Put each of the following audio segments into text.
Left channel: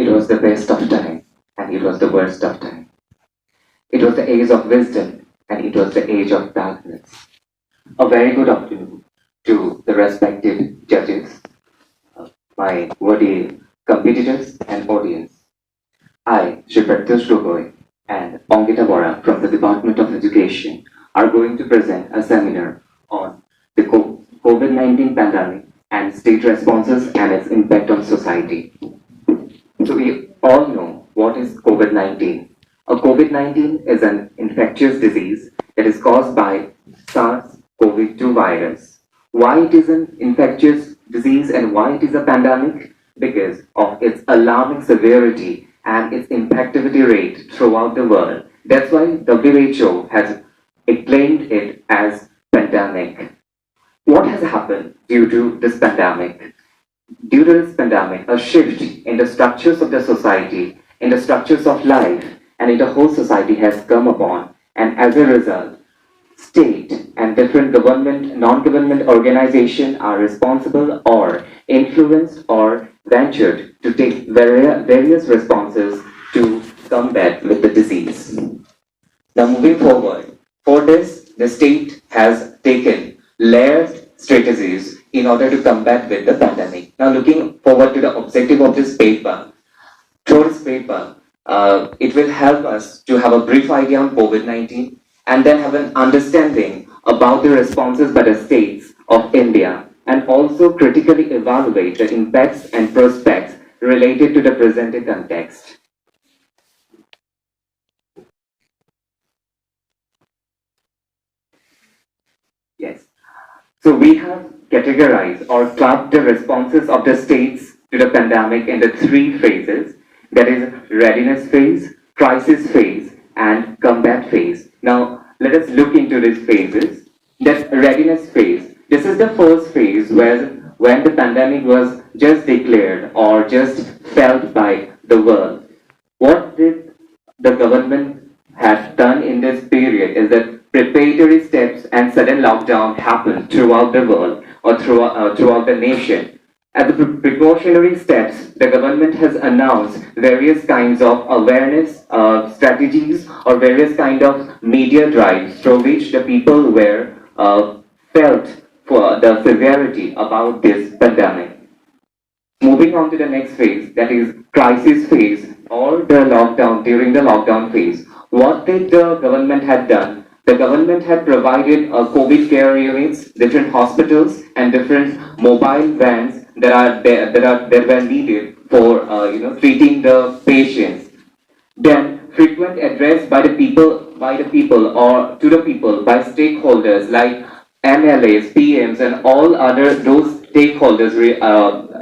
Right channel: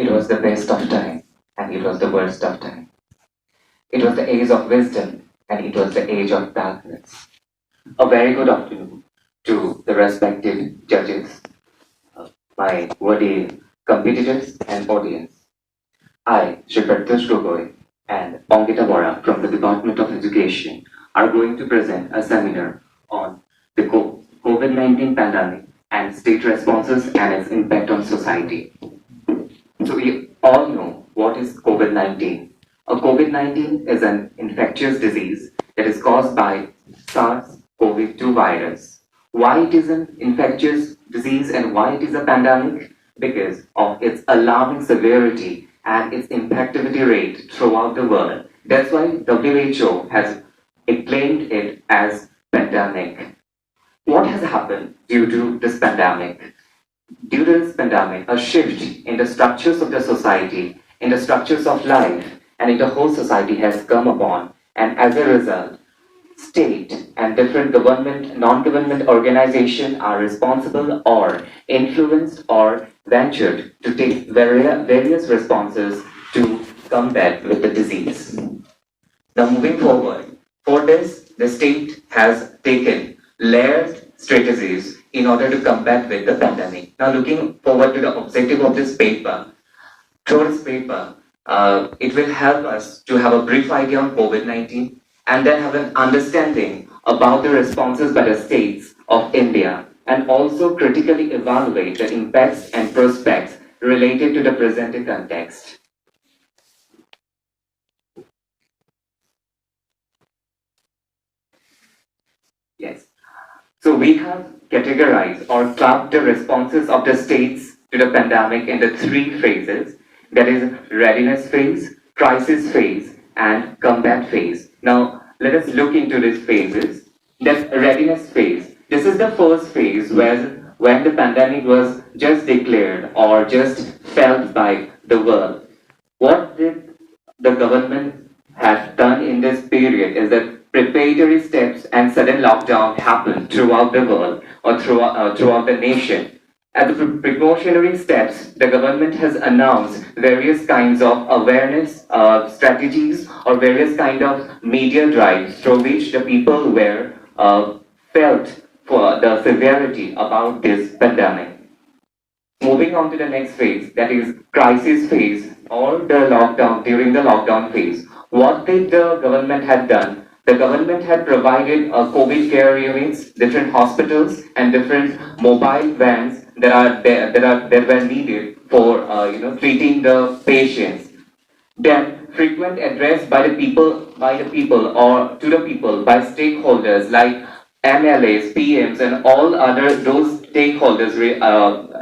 It was the best of time, and it was the worst of time. It was the age of wisdom, and it was the age of darkness. A very good afternoon to the respected judges, my worthy competitors, and audience. I, Shri Protyush Gogoi, and Ankita Borah from the Department of Education are going to present a seminar on the COVID-19 pandemic and state responses and its impact on society. So we all know what is COVID-19. A COVID-19 is an infectious disease that is caused by SARS-CoV-2 virus. Why it is an infectious disease and why it is a pandemic? Because of its alarming severity and its infectivity rate throughout the world. That's why WHO has acclaimed it as pandemic. What has happened due to this pandemic? Due to this pandemic, a shift in the structures of the society, in the structures of life, and in the whole society has come upon, and as a result, state and different government, non-government organizations are responsible or influenced or ventured to take various responses to combat with the disease. Now moving forward, for this, the state has taken layered strategies in order to combat with the pandemic. Now looking forward to the objective of this paper, through this paper, it will help us to have a brief idea on COVID-19 and then have an understanding about the responses by the states of India and also critically evaluate the impacts and prospects related to the presented context. Yes. So we have categorized or tracked the responses of the states to the pandemic in the three phases, that is readiness phase, crisis phase, and combat phase. Now let us look into these phases. The readiness phase. This is the first phase where when the pandemic was just declared or just felt by the world. What did the government have done in this period is that preparatory steps and sudden lockdown happened throughout the world or throughout the nation. As the precautionary steps, the government has announced various kinds of awareness strategies or various kind of media drives through which the people were felt for the severity about this pandemic. Moving on to the next phase, that is crisis phase or the lockdown, during the lockdown phase. What did the government had done? The government had provided COVID care units, different hospitals, and different mobile vans that were needed for treating the patients. Then frequent address by the people or to the people by stakeholders like MLAs, PMs, and all other those stakeholders,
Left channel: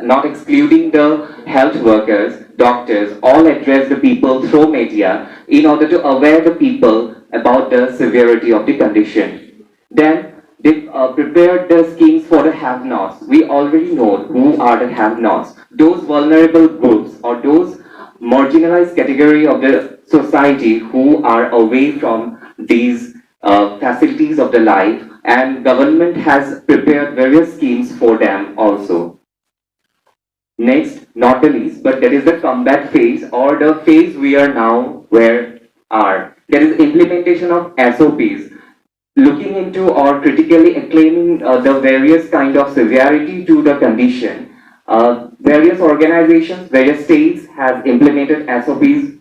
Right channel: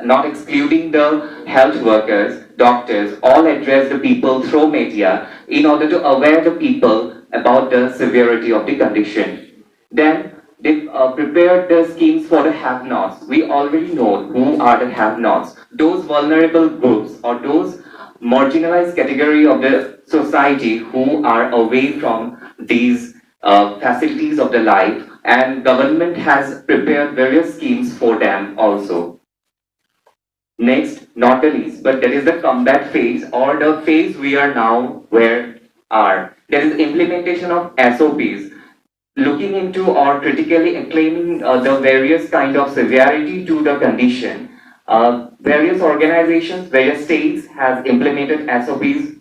not excluding the health workers, doctors, all address the people through media in order to aware the people about the severity of the condition. Then they prepared the schemes for the have-nots. We already know who are the have-nots. Those vulnerable groups or those marginalized category of the society who are away from these facilities of the life, and government has prepared various schemes for them also. Next, not the least, but there is the combat phase or the phase we are now where are. There is implementation of SOPs, looking into or critically acclaiming the various kind of severity to the condition. Various organizations, various states have implemented SOPs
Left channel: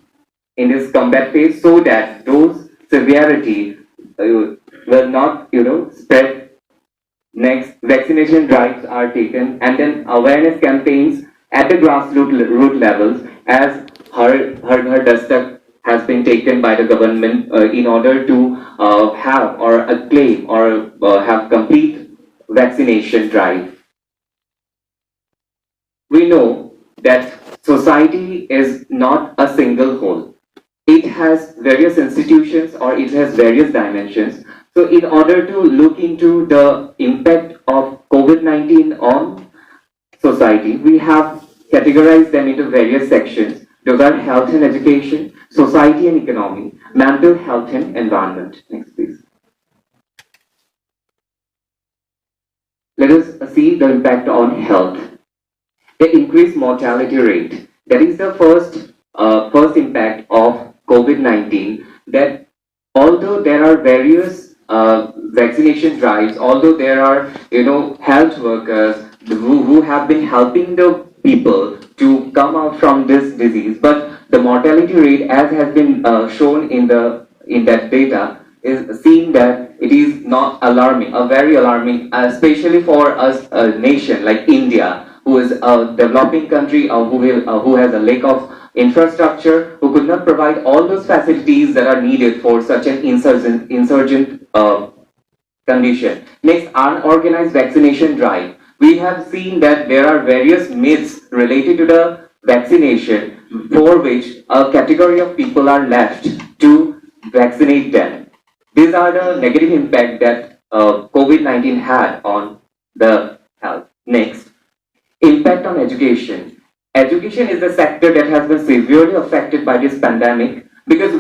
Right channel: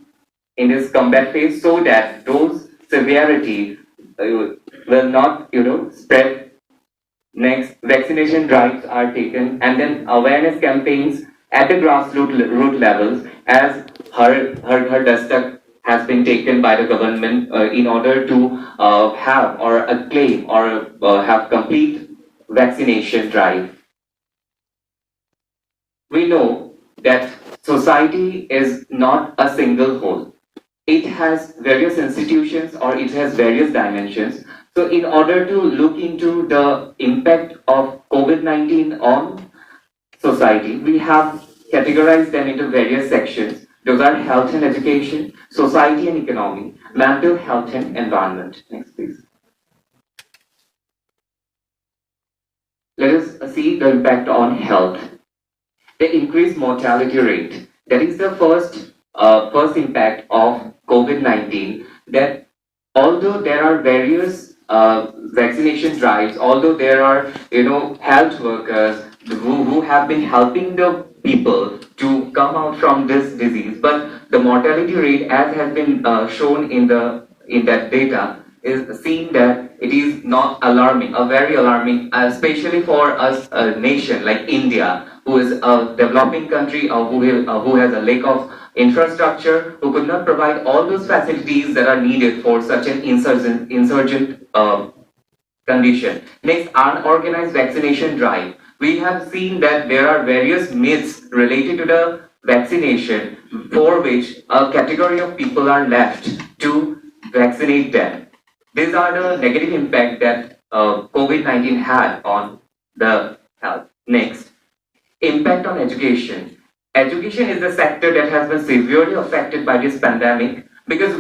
in this combat phase so that those severity will not spread. Next, vaccination drives are taken and then awareness campaigns at the grassroots root levels as her Dastak has been taken by the government in order to have or acclaim or have complete vaccination drive. We know that society is not a single whole. It has various institutions or it has various dimensions. So in order to look into the impact of COVID-19 on society, we have categorized them into various sections. Those are health and education, society and economy, mental health and environment. Next, please. Let us see the impact on health. The increased mortality rate. That is the first impact of COVID-19. That although there are various vaccination drives, although there are health workers who have been helping the people to come out from this disease, but the mortality rate, as has been shown in that data, is seen that it is not alarming, a very alarming, especially for us, a nation like India, who is a developing country, who has a lack of infrastructure, who could not provide all those facilities that are needed for such an insurgent condition. Next, unorganized vaccination drive. We have seen that there are various myths related to the vaccination for which a category of people are left to vaccinate them. These are the negative impact that COVID-19 had on the health. Next, impact on education. Education is a sector that has been severely affected by this pandemic because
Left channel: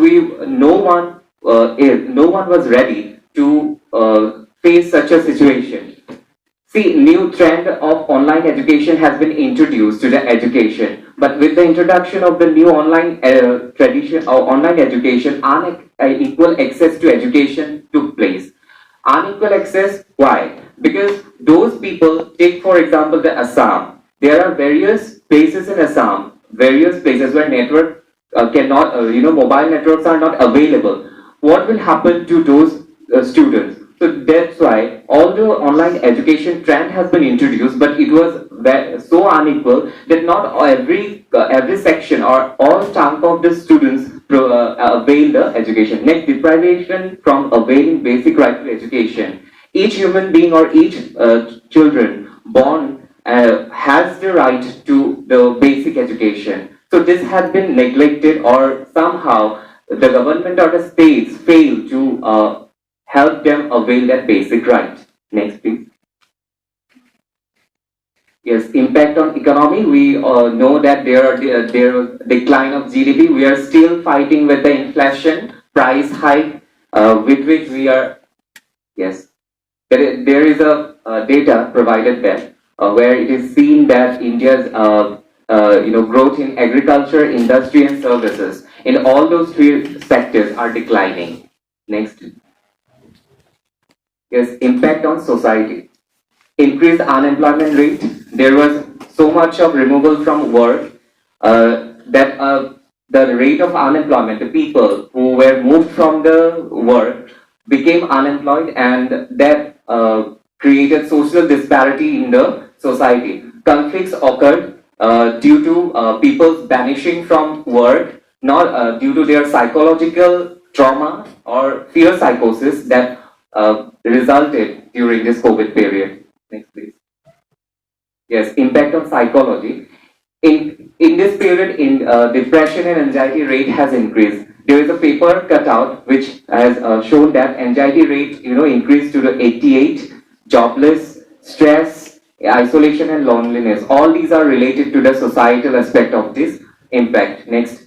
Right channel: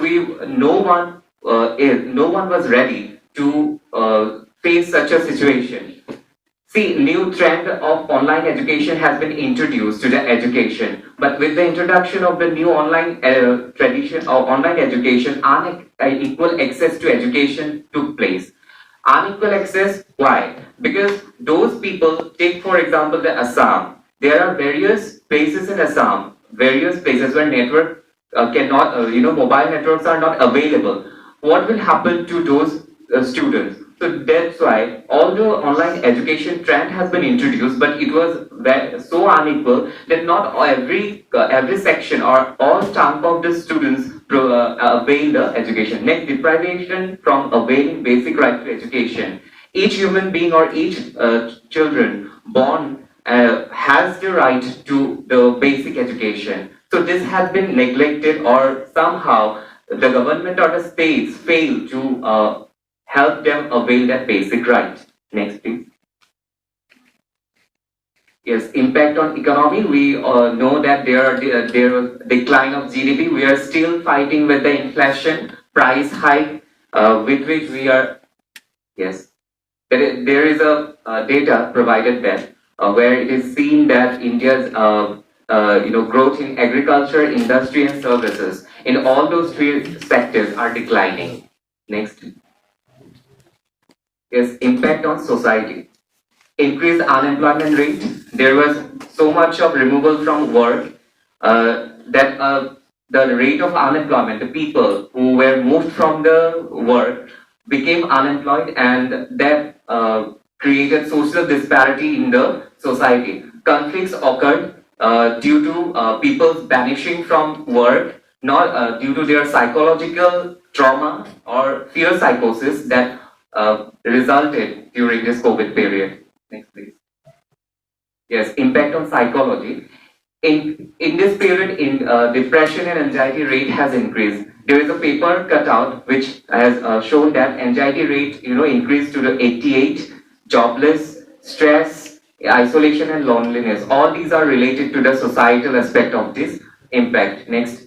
no one was ready to face such a situation. See, new trend of online education has been introduced to the education, but with the introduction of the new online tradition or online education, unequal access to education took place. Unequal access, why? Because those people, take for example the Assam, there are various places in Assam, various places where network cannot, mobile networks are not available. What will happen to those students? So that's why, although online education trend has been introduced, but it was so unequal that not every section or all chunk of the students avail the education. Next, deprivation from availing basic right to education. Each human being or each children born has the right to the basic education. So this has been neglected, or somehow the government or the states fail to help them avail that basic right. Next, please. Yes, impact on economy. We know that there decline of GDP. We are still fighting with the inflation, price hike, with which we are. Yes, there is a data provided there where it is seen that India's growth in agriculture, industry, and services in all those three sectors are declining. Next, yes, impact on society. Increased unemployment rate. There was so much of removal from work that the rate of unemployment, the people who were moved from the work became unemployed, and that created social disparity in the society. Conflicts occurred due to people vanishing from work, not due to their psychological trauma or fear psychosis that resulted during this COVID period. Next, please. Yes, impact on psychology. In this period, in depression and anxiety rate has increased. There is a paper cut out which has shown that anxiety rate increased to the 88, jobless, stress, isolation, and loneliness. All these are related to the societal aspect of this impact. Next.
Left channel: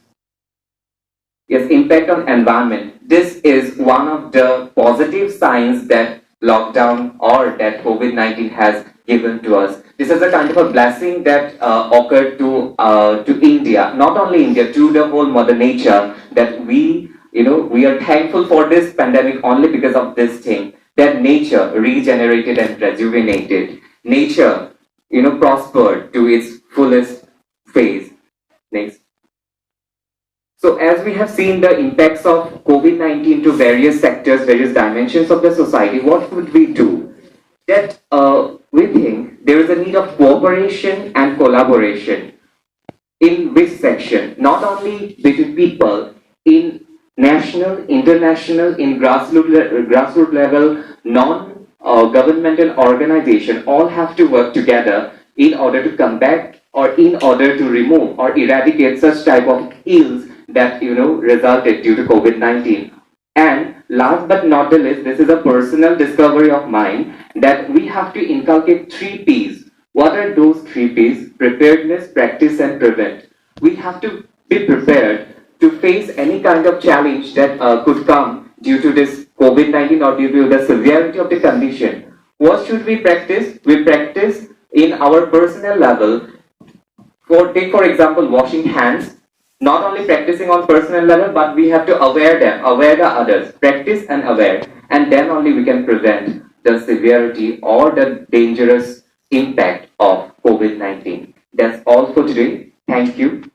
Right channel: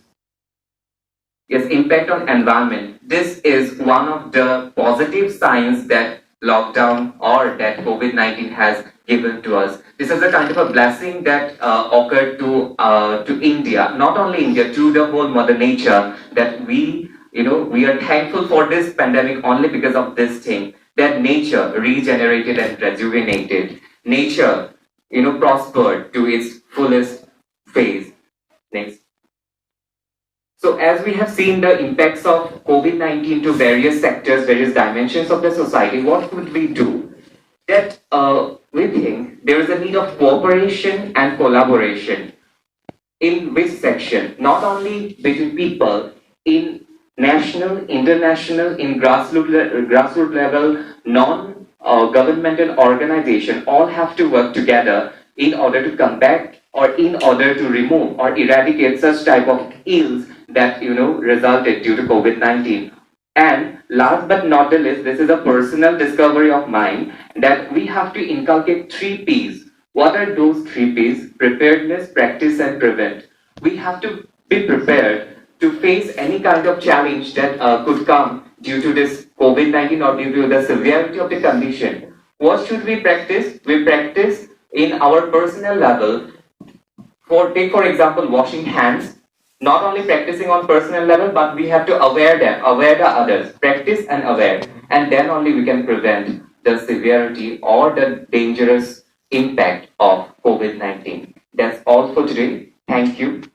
Yes, impact on environment. This is one of the positive signs that lockdown or that COVID-19 has given to us. This is a kind of a blessing that occurred to India, not only India, to the whole Mother Nature. That we are thankful for this pandemic only because of this thing. That nature regenerated and rejuvenated. Nature, prospered to its fullest phase. Next. So as we have seen the impacts of COVID-19 to various sectors, various dimensions of the society, what would we do? That we think there is a need of cooperation and collaboration. In which section? Not only between people, in national, international, in grassroots level, non-governmental organization, all have to work together in order to combat or in order to remove or eradicate such type of ills that resulted due to COVID-19. And last but not the least, this is a personal discovery of mine that we have to inculcate 3 P's. What are those 3 P's? Preparedness, practice, and prevent. We have to be prepared to face any kind of challenge that could come due to this COVID-19 or due to the severity of the condition. What should we practice? We practice in our personal level take for example washing hands, not only practicing on personal level, but we have to aware the others, practice and aware, and then only we can prevent the severity or the dangerous impact of COVID-19. That's all for today. Thank you.